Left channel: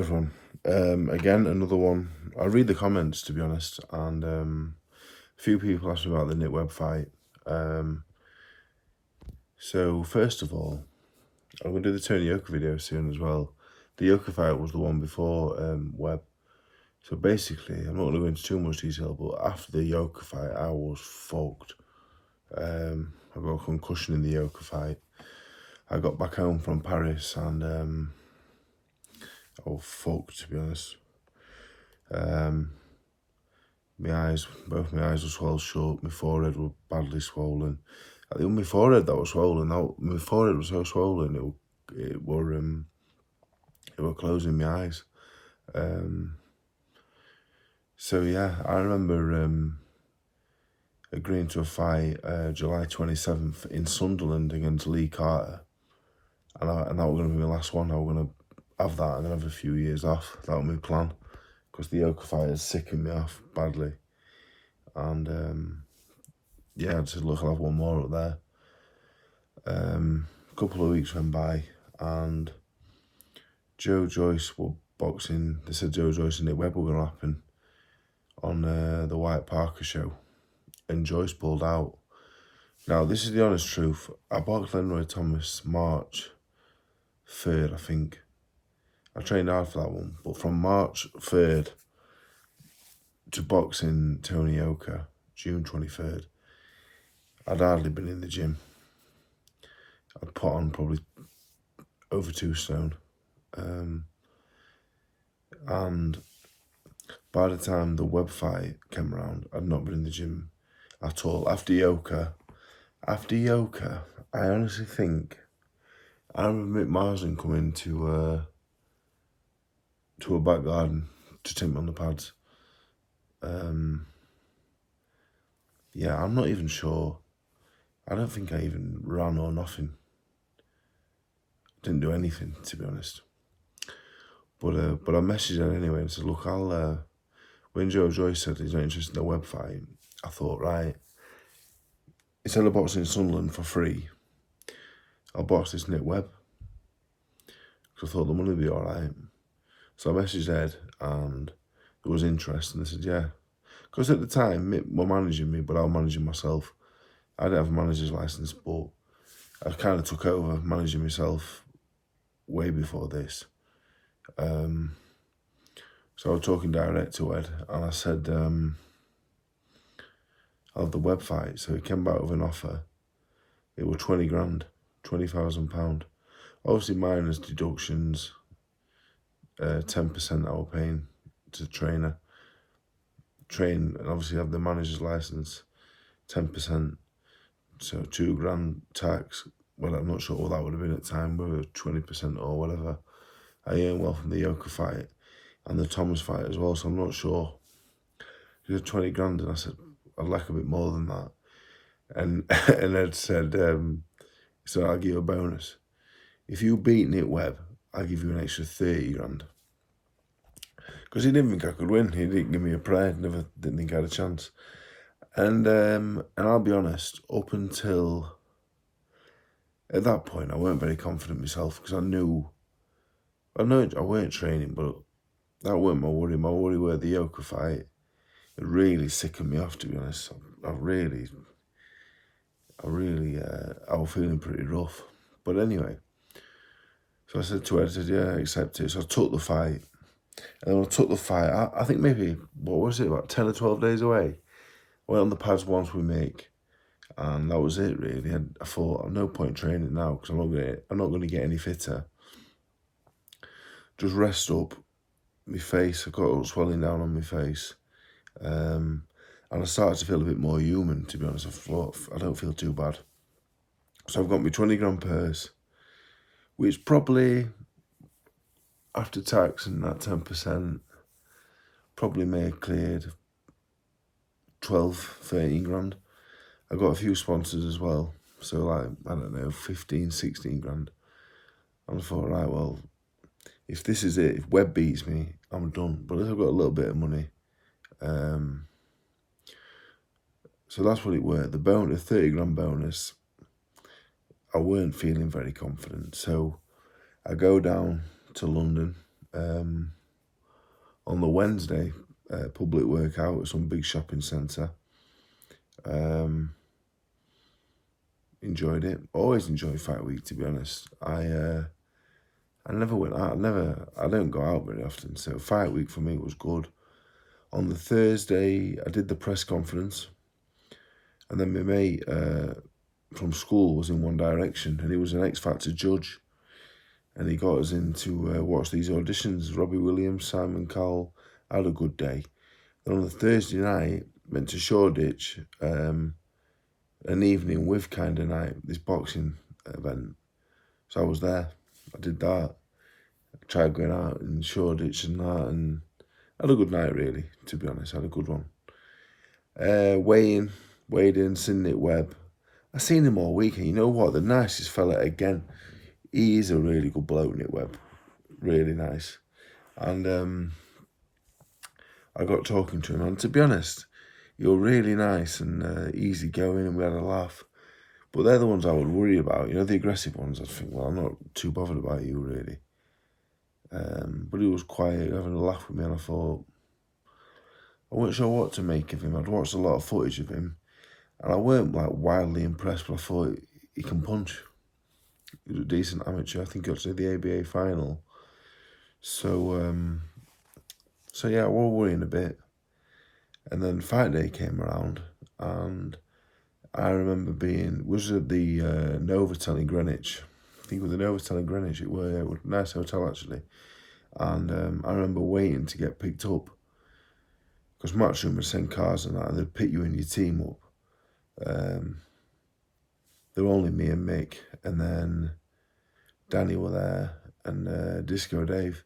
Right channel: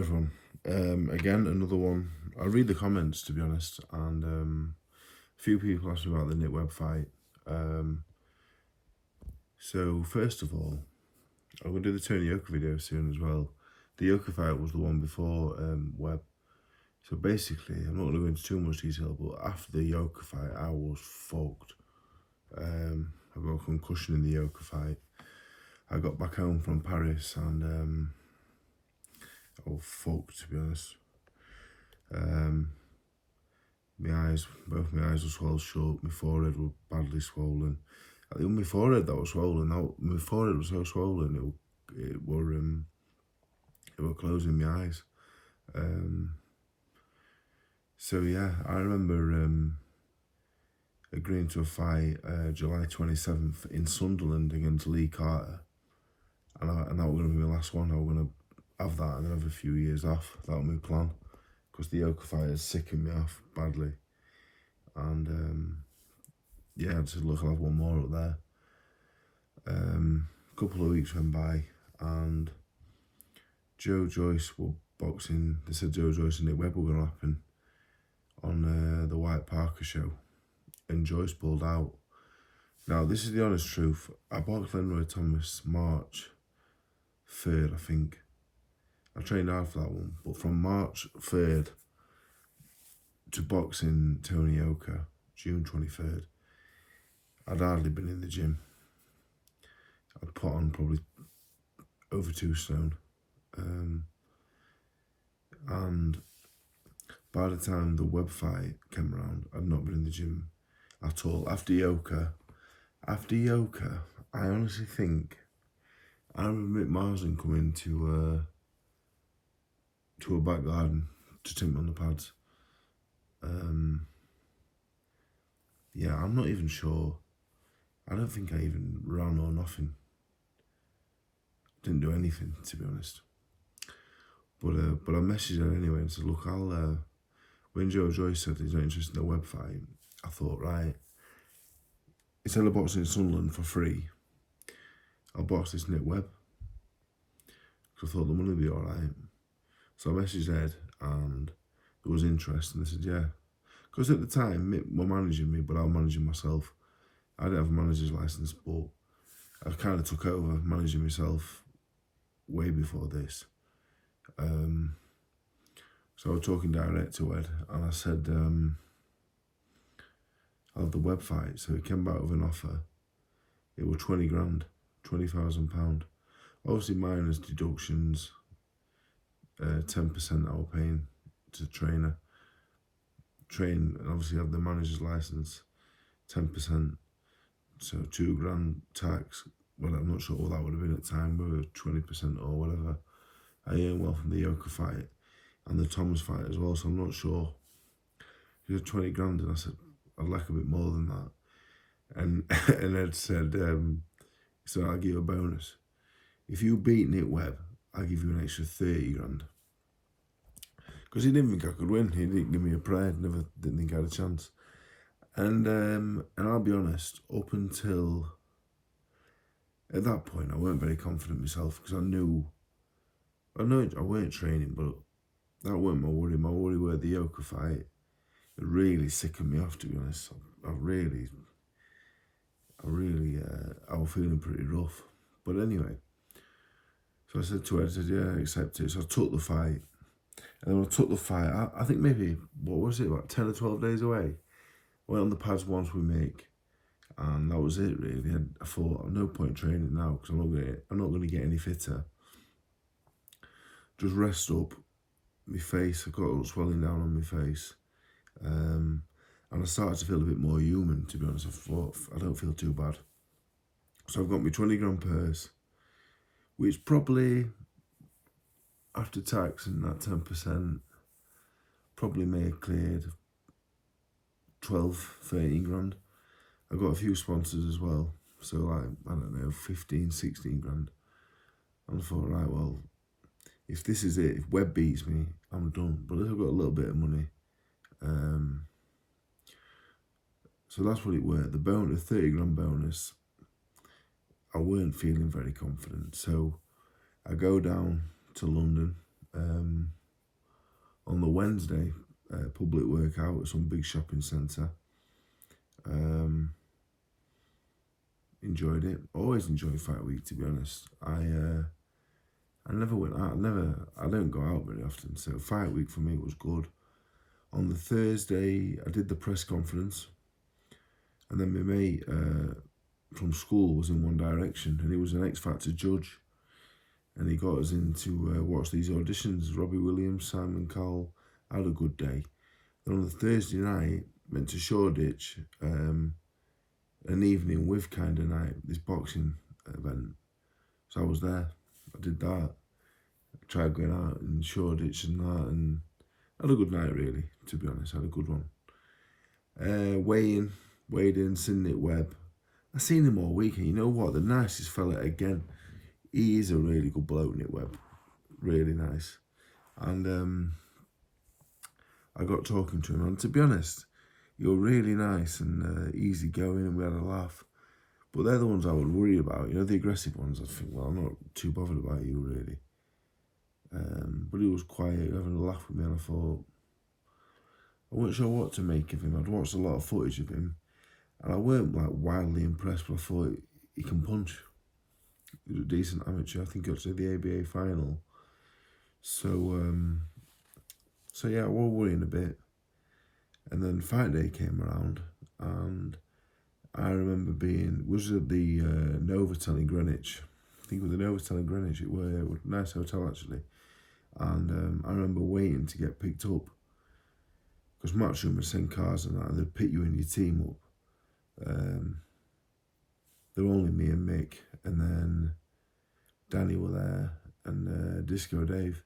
Everyone. Again, another one. I read the comments to be honest, and a few people asked me about the Webb fight. Um, so first of all, I'm gonna do the Tony Yoka video soon as well. The Yoka fight was the one before Webb. So basically, I'm not gonna go into too much detail, but after the Yoka fight, I was fucked. I got a concussion in the Yoka fight. I got back home from Paris and I was fucked to be honest. Both my eyes were swelled shut. My forehead was badly swollen. I think my forehead that was swollen. My forehead was so swollen it were closing my eyes. So yeah, I remember agreeing to a fight July 27th in Sunderland against Lee Carter, and that was going to be my last one. I was going to have that and then have a few years off. That was my plan, because the Yoka fight has sickened me off badly. And yeah, I said, look, I'll have one more up there. A couple of weeks went by and Joe Joyce were boxing. They said Joe Joyce and Nick Webb were going to happen on the Wyatt Parker show, and Joyce pulled out. Now, this is the honest truth. I boxed Lenroy Thomas March 3rd, I think. I trained hard for that one, but from March 3rd to boxing Tony Yoka, June 23rd, I'd hardly been in the gym. I'd put on probably over 2 stone. And by the time the Webb fight came around, I'd not been in the gym at all. After Yoka, I honestly think I remember Mick Marsden coming to a back garden to take me on the pads. Yeah, I'm not even sure. I don't think I even ran or nothing. Didn't do anything, to be honest. But I messaged her anyway and said, look, when Joe Joyce said he's not interested in the Webb fight, I thought, right, instead of boxing in Sunderland for free, I'll box this Nick Webb. Because I thought the money would be alright. So I messaged Ed and there was interest, and they said, yeah. Because at the time, Mick were managing me, but I was managing myself. I didn't have a manager's license, but I kind of took over managing myself way before this. So I was talking direct to Ed, and I said, I'll have the Webb fight. So he came back with an offer. It was 20 grand, £20,000. Obviously minus deductions, 10% I was paying to the trainer. Train and obviously have the manager's license, 10%. So 2 grand tax. Well, I'm not sure what that would have been at the time, whether 20% or whatever. I earned well from the Yoka fight and the Thomas fight as well, so I'm not sure. He said 20 grand, and I said, I'd like a bit more than that. And Ed said, so I'll give you a bonus. If you beat Nick Webb, I'll give you an extra 30 grand. Because he didn't think I could win. He didn't give me a prayer, didn't think I had a chance. And I'll be honest, up until at that point, I weren't very confident myself, because I know I weren't training, but that weren't my worry. My worry were the Yoka fight. It really sickened me off, to be honest. I was feeling pretty rough. But anyway, so I said to her, I said, yeah, I accept it. So I took the fight. And when I took the fight, I think maybe, what was it, about 10 or 12 days away? I went on the pads once we make, and that was it, really. I thought, no point training now, because I'm not going to get any fitter. Just rest up. My face, I got swelling down on my face. And I started to feel a bit more human, to be honest. I thought, I don't feel too bad. So I've got my 20 grand purse, which probably, after tax and that 10%, probably may have cleared 12, 13 grand. I got a few sponsors as well. So like, I don't know, 15, 16 grand. And I thought, right, well, if this is it, if Webb beats me, I'm done. But I've got a little bit of money. So that's what it were. The 30 grand bonus, I weren't feeling very confident. So I go down to London on the Wednesday, public workout at some big shopping centre. Enjoyed it. Always enjoy fight week, to be honest. I never went out. I don't go out very often. So fight week for me was good. On the Thursday, I did the press conference, and then my mate from school was in One Direction, and he was an X Factor judge, and he got us in to watch these auditions. Robbie Williams, Simon Cowell. I had a good day. Then on the Thursday night, went to Shoreditch, an evening with kind of night, this boxing event. So I was there. I did that. I tried going out in Shoreditch and that, and had a good night, really, to be honest. I had a good one. Weighed in, seen Nick Webb. I seen him all week, and you know what? The nicest fella again. He is a really good bloke, Nick Webb. Really nice. And I got talking to him, and to be honest, you're really nice and easy going, and we had a laugh. But they're the ones I would worry about. You know, the aggressive ones, I'd think, well, I'm not too bothered about you, really. But he was quiet, having a laugh with me, and I thought, I wasn't sure what to make of him. I'd watched a lot of footage of him, and I weren't like wildly impressed, but I thought he can punch. He was a decent amateur. I think he got to the ABA final. So yeah, I was worrying a bit. And then fight day came around, and I remember was at the Novotel in Greenwich. I think it was the Novotel in Greenwich. It was a nice hotel, actually. And I remember waiting to get picked up, because Matchroom would send cars and that, and they'd pick you and your team up. There were only me and Mick, and then Danny were there, and Disco Dave.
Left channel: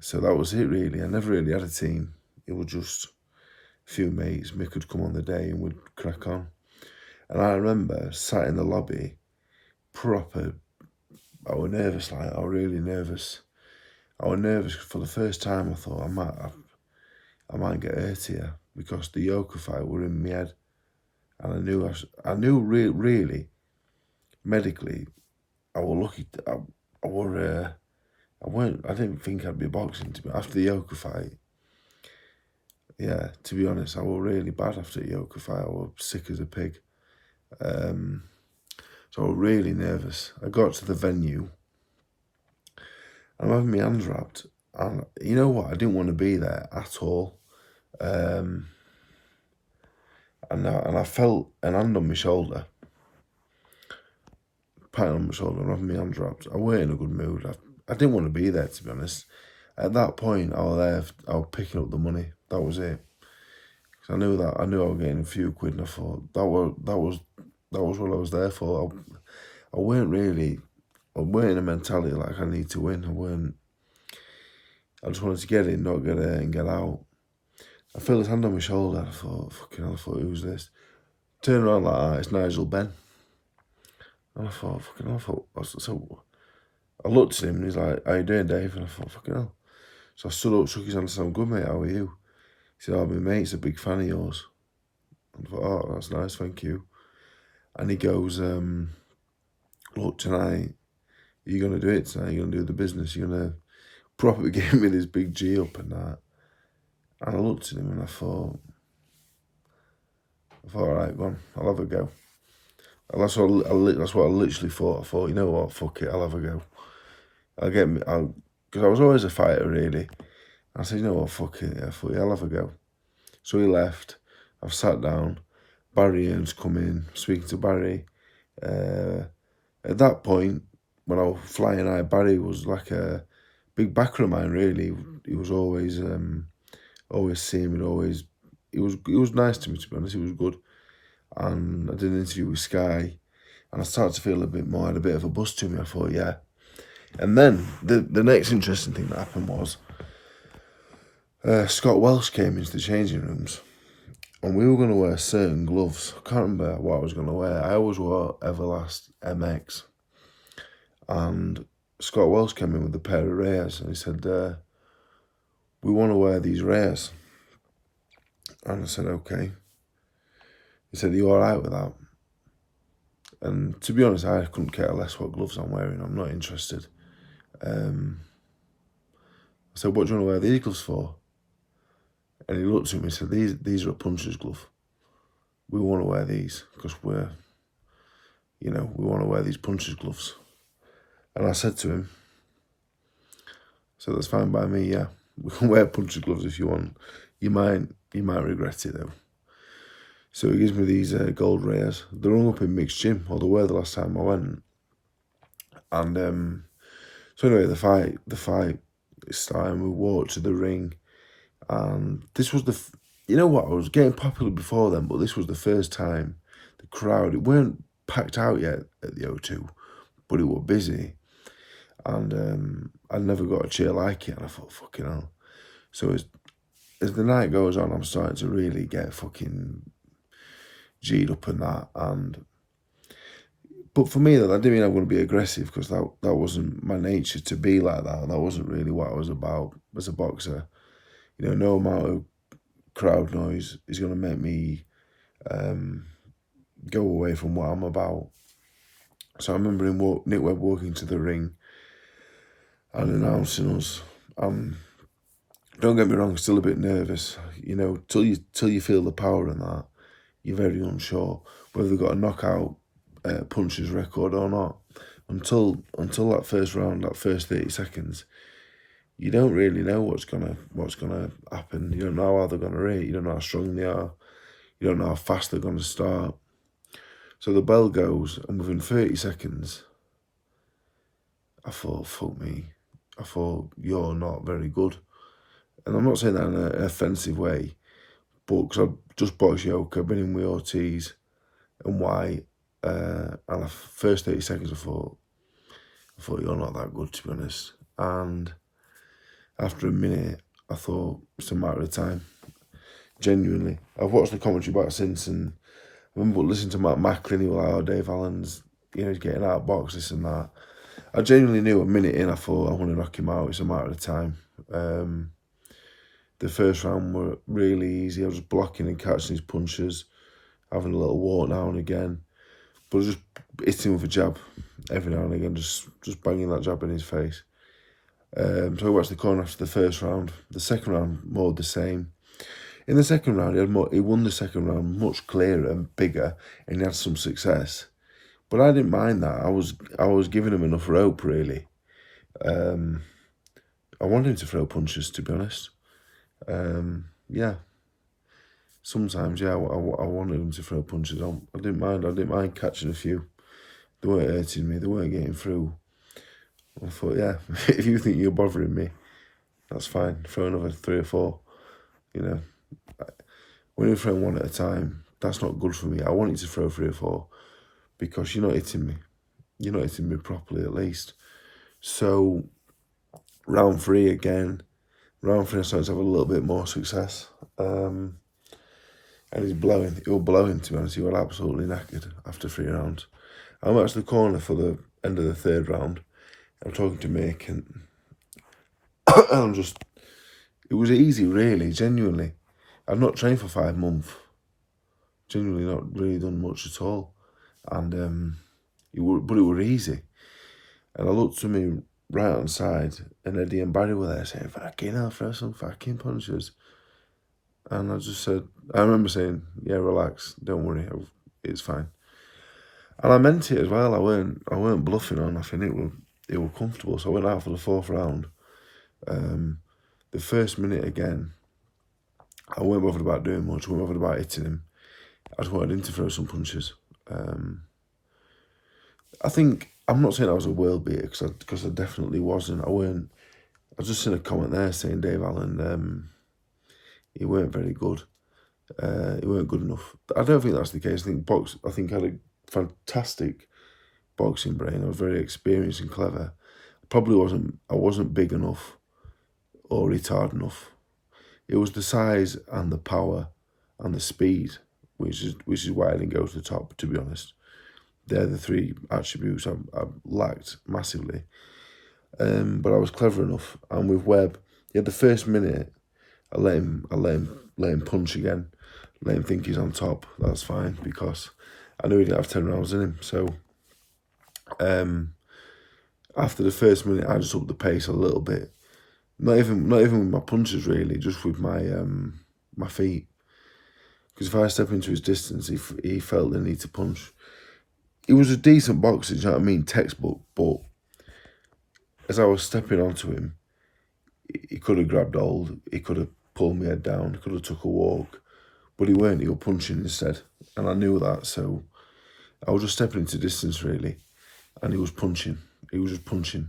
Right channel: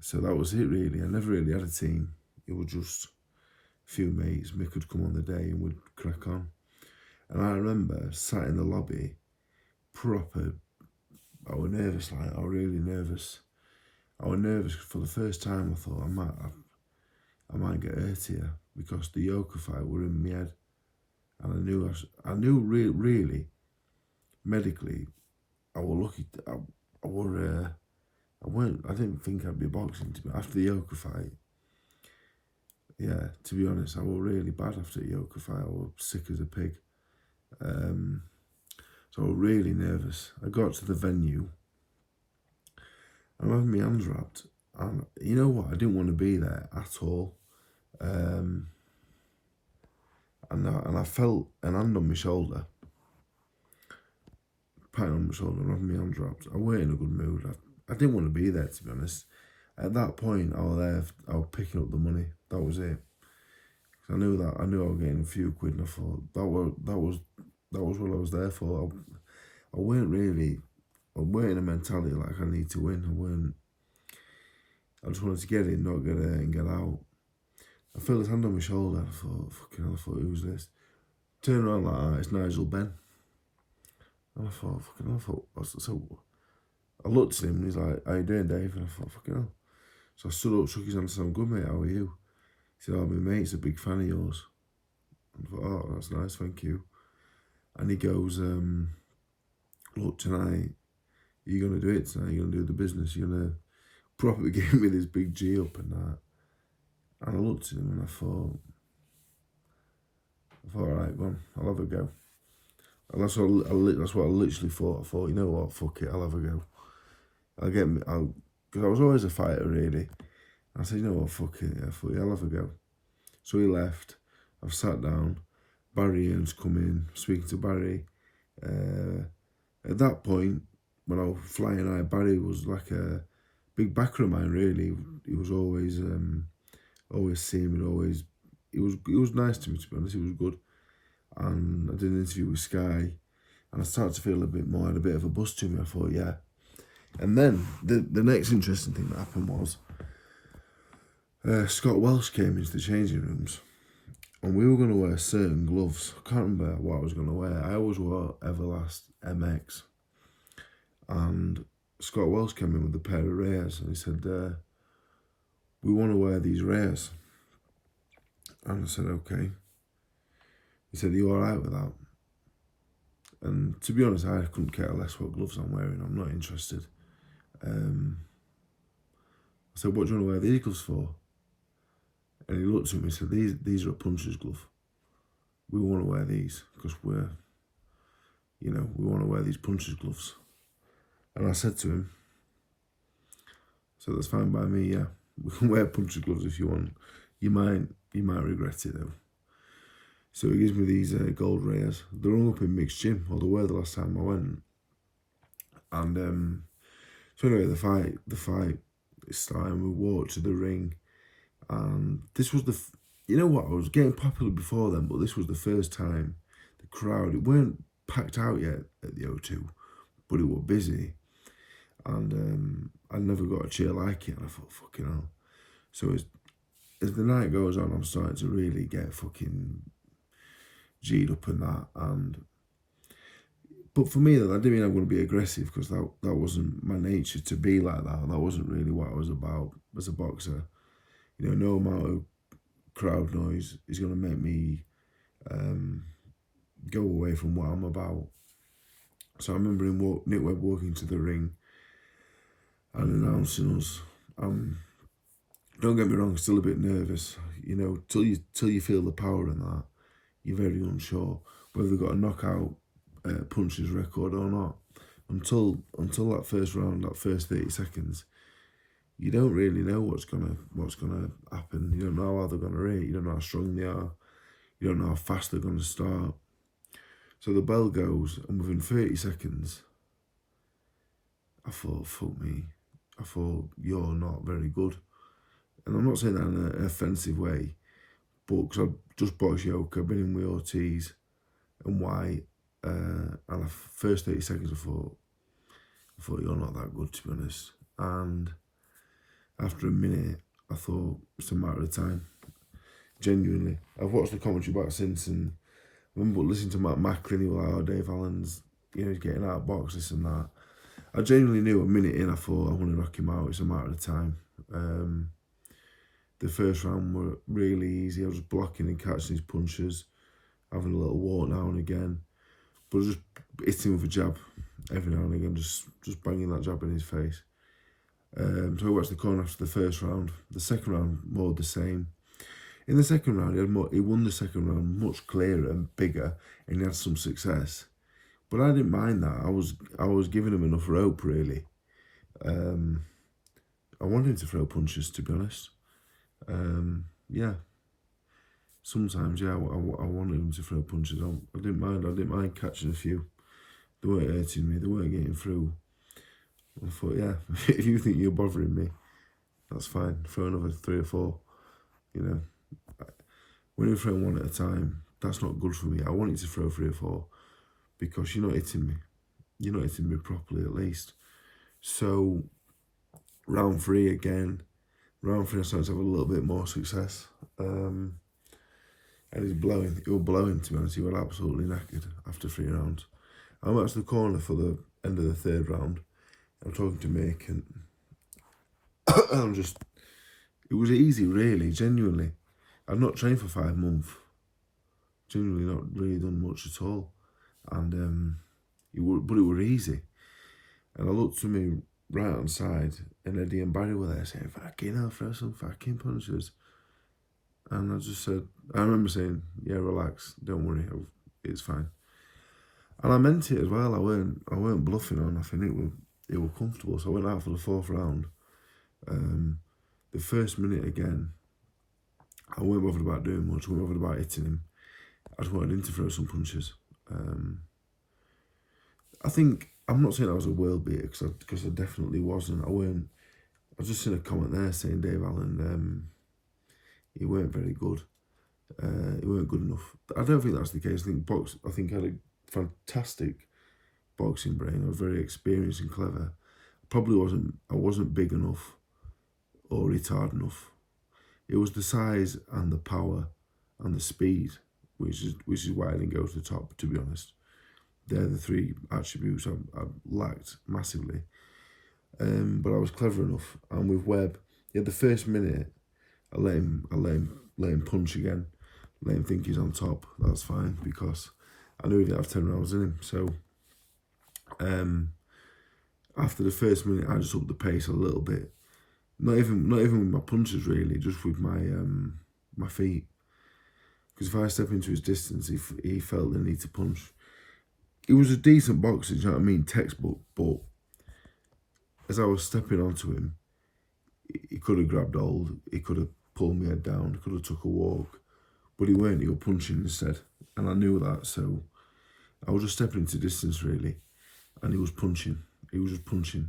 So that was it, really. I never really had a team. It was just a few mates. Mick would come on the day and we'd crack on. And I remember sat in the lobby, proper. I was nervous, I was really nervous. I was nervous for the first time. I thought I might get hurt here, because the Yoka fight were in my head, and I knew really medically I was lucky. I didn't think I'd be boxing after the Yoka fight. Yeah, to be honest, I was really bad after the Yoka fight. I was sick as a pig. So I was really nervous. I got to the venue. I'm having my hands wrapped, and you know what? I didn't want to be there at all. And I felt an hand on my shoulder, patting on my shoulder, and having my hands wrapped. I weren't in a good mood. I didn't want to be there, to be honest. At that point, I was picking up the money. That was it. Cause I knew I was getting a few quid, and I thought that was what I was there for. I weren't in a mentality like I need to win. I just wanted to get in, not get hurt, and get out. I felt his hand on my shoulder. I thought, fucking hell, who's this? Turned around like that, it's Nigel Benn. And I thought, so I looked at him, and he's like, how you doing, Dave? And I thought, fucking hell. So I stood up, shook his hand, and said, I'm good, mate, how are you? He said, oh, my mate's a big fan of yours. And I thought, oh, that's nice, thank you. And he goes, look, tonight, you're going to do it tonight, you're going to do the business, you're going to probably give me this big G up and that. And I looked at him and I thought, all right, go on, I'll have a go. And that's what I literally thought. I thought, you know what, fuck it, I'll have a go. Because I was always a fighter, really. I said, you know what, fuck it, yeah, I'll have a go. So he left, I've sat down, Barry Earns come in, speaking to Barry. At that point, when I was flying high, Barry was like a big backer of mine, really. He was always seeing me, he was nice to me, to be honest. He was good. And I did an interview with Sky, and I started to feel a bit more, had a bit of a buzz to me. I thought, yeah. And then the next interesting thing that happened was Scott Welsh came into the changing rooms, and we were going to wear certain gloves. I can't remember what I was going to wear. I always wore Everlast MX. And Scott Welsh came in with a pair of Reyes, and he said, we want to wear these Reyes. And I said, okay. He said, are you all right with that? And to be honest, I couldn't care less what gloves I'm wearing. I'm not interested. said, what do you want to wear these gloves for? And he looked at me and said, these are a puncher's glove. We want to wear these because we want to wear these puncher's gloves. And I said to him, so that's fine by me, yeah. We can wear puncher's gloves if you want. You might regret it though. So he gives me these gold rares. They're hung up in mixed gym, or they were the last time I went. And so anyway, the fight started, and we walked to the ring. And this was you know what, I was getting popular before then, but this was the first time the crowd, it weren't packed out yet at the O2, but it was busy. And I never got a cheer like it, and I thought, fucking hell. So as the night goes on, I'm starting to really get fucking G'd up and that. But for me, that didn't mean I'm going to be aggressive, because that wasn't my nature to be like that. That wasn't really what I was about as a boxer. You know, no amount of crowd noise is going to make me go away from what I'm about. So I remember Nick Webb walking to the ring and announcing us. Don't get me wrong, still a bit nervous. You know, till you feel the power in that, you're very unsure whether they've got a knockout puncher's record or not. Until that first round, that first 30 seconds, you don't really know what's gonna happen. You don't know how they're gonna rate. You don't know how strong they are. You don't know how fast they're gonna start. So the bell goes, and within 30 seconds, I thought, fuck me. I thought, you're not very good. And I'm not saying that in an offensive way, but because I've just boxed Yoka, been in with Ortiz and White, and the first 30 seconds I thought, you're not that good, to be honest. And after a minute, I thought, it's a matter of time. Genuinely. I've watched the commentary back since, and I remember listening to Matt Macklin, he was like, oh, Dave Allen's, he's getting out of box, this and that. I genuinely knew a minute in, I thought, I want to knock him out, it's a matter of time. The first round were really easy. I was just blocking and catching his punches, having a little walk now and again, but just hitting with a jab every now and again, just banging that jab in his face. So I watched the corner after the first round. The second round, more the same. In the second round, he won the second round much clearer and bigger, and he had some success. But I didn't mind that. I was giving him enough rope, really. I wanted him to throw punches, to be honest. Yeah. Sometimes, yeah, I wanted him to throw punches. I didn't mind catching a few. They weren't hurting me. They weren't getting through. I thought, yeah, if you think you're bothering me, that's fine. Throw another 3 or 4. You know, when you throw one at a time, that's not good for me. I want you to throw 3 or 4 because you're not hitting me. You're not hitting me properly, at least. So, round 3 again. Round 3, I started to have a little bit more success. And he's blowing. He was blowing, to be honest. He was absolutely knackered after 3 rounds. I'm at the corner for the end of the 3rd round. I'm talking to Mick, and I'm just, it was easy, really, genuinely. I've not trained for 5 months. Genuinely not really done much at all. And it were easy. And I looked to me right hand side, and Eddie and Barry were there saying, fucking hell, throw some fucking punches. And I just said, I remember saying, yeah, relax, don't worry, it's fine. And I meant it as well. I weren't bluffing or nothing. It was comfortable. So I went out for the 4th round. The first minute again, I weren't bothered about doing much. I weren't bothered about hitting him. I just wanted him to throw some punches. I think, I'm not saying I was a world beater, because I definitely wasn't. I was just in a comment there saying Dave Allen, he weren't very good. He weren't good enough. I don't think that's the case. I think I had a fantastic boxing brain. I was very experienced and clever. I wasn't big enough or retarded enough. It was the size and the power and the speed, which is why I didn't go to the top, to be honest. They're the 3 attributes I lacked massively. But I was clever enough. And with Webb, yeah, the first minute, I let him punch again. Let him think he's on top. That's fine, because I knew he didn't have 10 rounds in him. So after the first minute, I just upped the pace a little bit. Not even with my punches really, just with my my feet. Because if I step into his distance, he felt the need to punch. He was a decent boxer, do you know what I mean? Textbook, but as I was stepping onto him, he could have grabbed hold, he could have pulled my head down, he could have took a walk, but he weren't, he was punching instead. And I knew that, so I was just stepping into distance really, and he was punching. He was just punching.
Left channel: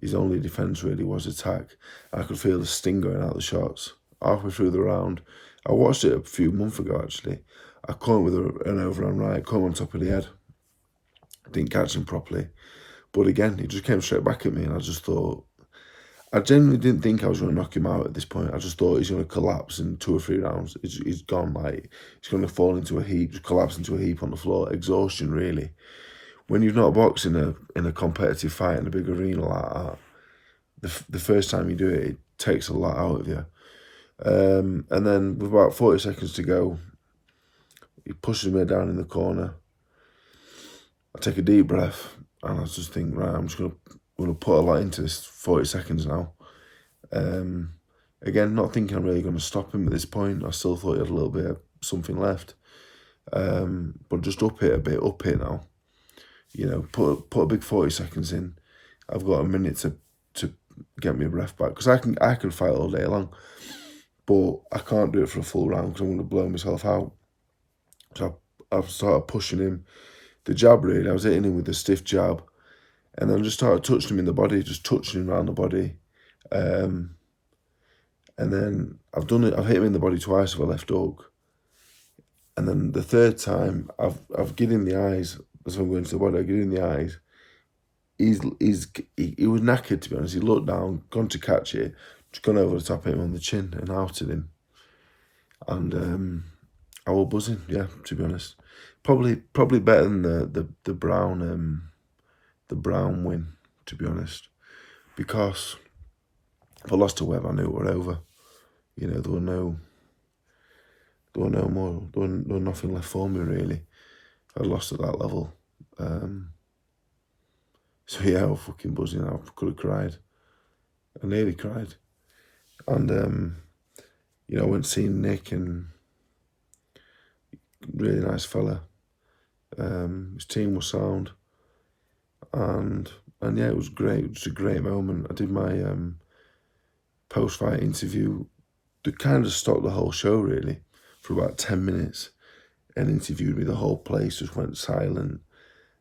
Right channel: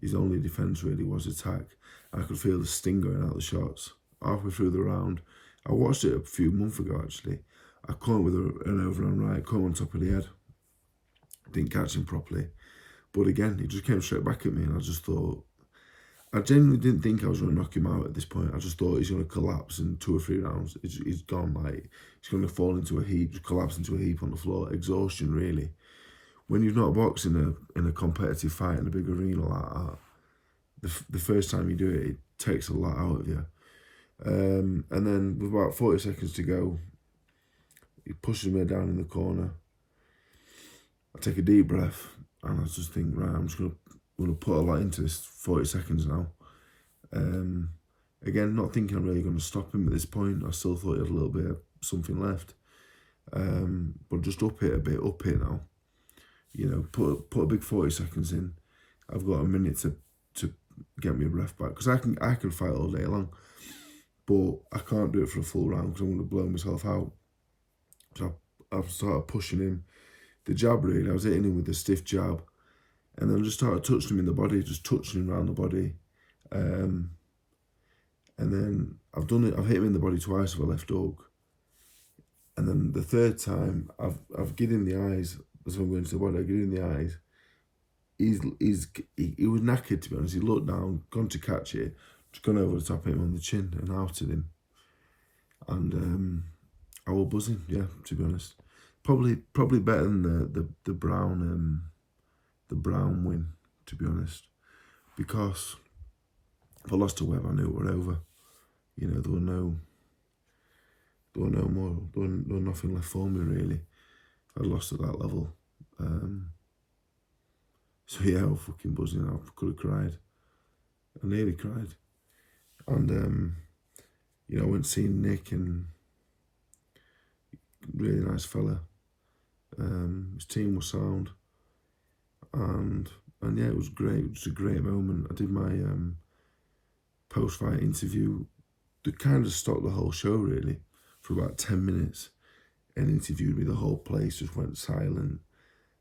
His only defence really was attack. I could feel the sting going out of the shots. Halfway through the round, I watched it a few months ago actually. I caught him with an overhand right, caught him on top of the head. Didn't catch him properly. But again, he just came straight back at me, and I just thought, I genuinely didn't think I was going to knock him out at this point. I just thought he's going to collapse in 2 or 3 rounds. He's gone, like, he's going to fall into a heap, just collapse into a heap on the floor. Exhaustion, really. When you've not boxed in a competitive fight in a big arena like that, the first time you do it, it takes a lot out of you. And then with about 40 seconds to go, he pushes me down in the corner. I take a deep breath, and I just think, right, I'm just going to put a lot into this 40 seconds now. Again, not thinking I'm really going to stop him at this point. I still thought he had a little bit of something left. But just up it a bit, up it now. You know, put a big 40 seconds in. I've got a minute to get my breath back, because I can fight all day long, but I can't do it for a full round because I'm going to blow myself out. So I've started pushing him. The jab really, I was hitting him with a stiff jab, and then just started touching him in the body, just touching him around the body. And then I've hit him in the body twice with a left hook. And then the third time, I've given him the eyes. As I'm going to the body, I give him the eyes. He was knackered, to be honest. He looked down, gone to catch it, just gone over the top of him on the chin and outed him. And I was buzzing, yeah, to be honest. Probably better than the Brown win, to be honest. Because if I lost to Webb, I knew it were over. You know, there was nothing left for me really. I lost at that level. So yeah, I was fucking buzzing. I could have cried. I nearly cried. And you know, I went to see Nick, and really nice fella. His team was sound. And yeah, it was great. It was a great moment. I did my post-fight interview. They kind of stopped the whole show really for about 10 minutes and interviewed me. The whole place just went silent.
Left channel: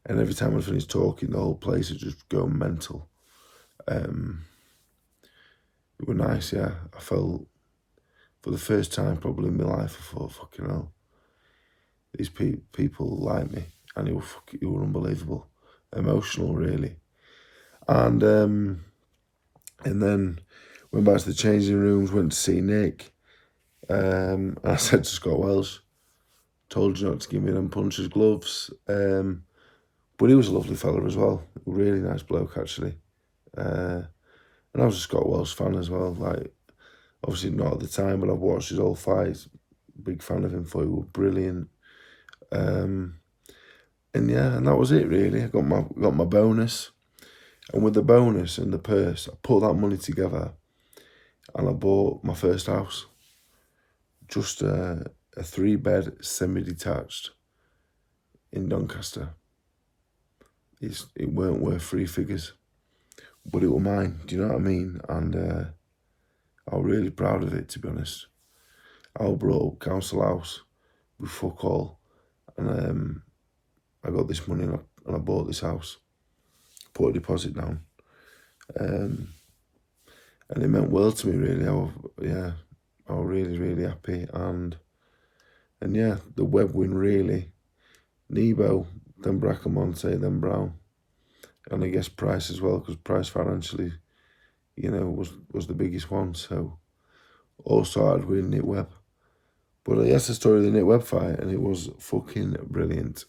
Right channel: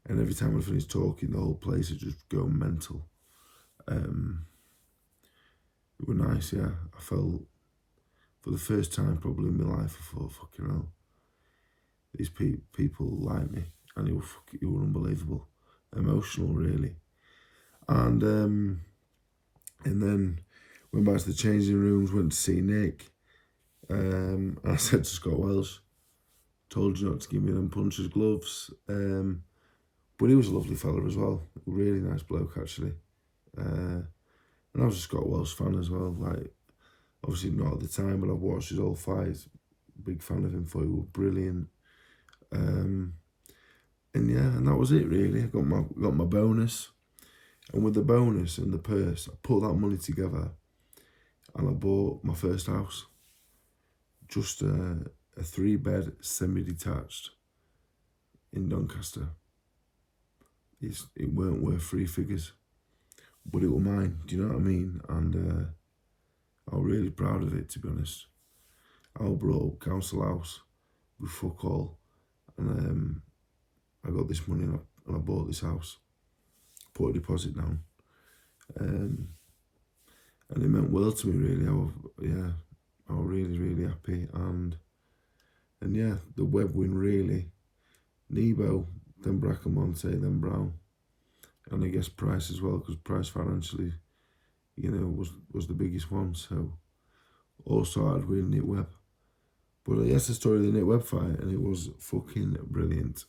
And every time I finished talking, the whole place would just go mental. It was nice, yeah. I felt, for the first time probably in my life, I thought, fucking hell, these people like me. And it was unbelievable. Emotional, really. And then went back to the changing rooms, went to see Nick. And I said to Scott Welsh, told you not to give me them punches gloves. But he was a lovely fella as well. Really nice bloke, actually. And I was a Scott Welsh fan as well. Like, obviously not at the time, but I've watched his old fights. Big fan of him, thought he was brilliant. And yeah, and that was it really. I got my bonus. And with the bonus and the purse, I put that money together and I bought my first house. Just a 3-bed, semi-detached in Doncaster. It weren't worth 3 figures, but it were mine, do you know what I mean? And I was really proud of it, to be honest. I brought up council house with fuck all, and I got this money and I bought this house, put a deposit down, and it meant world to me really. I was really, really happy, and yeah, the Webb win really, Nebo, then Bracamonte, then Brown, and I guess Price as well, because Price financially, you know, was the biggest one. So all started with Nick Webb. But that's the story of the Nick Webb fight, and it was fucking brilliant.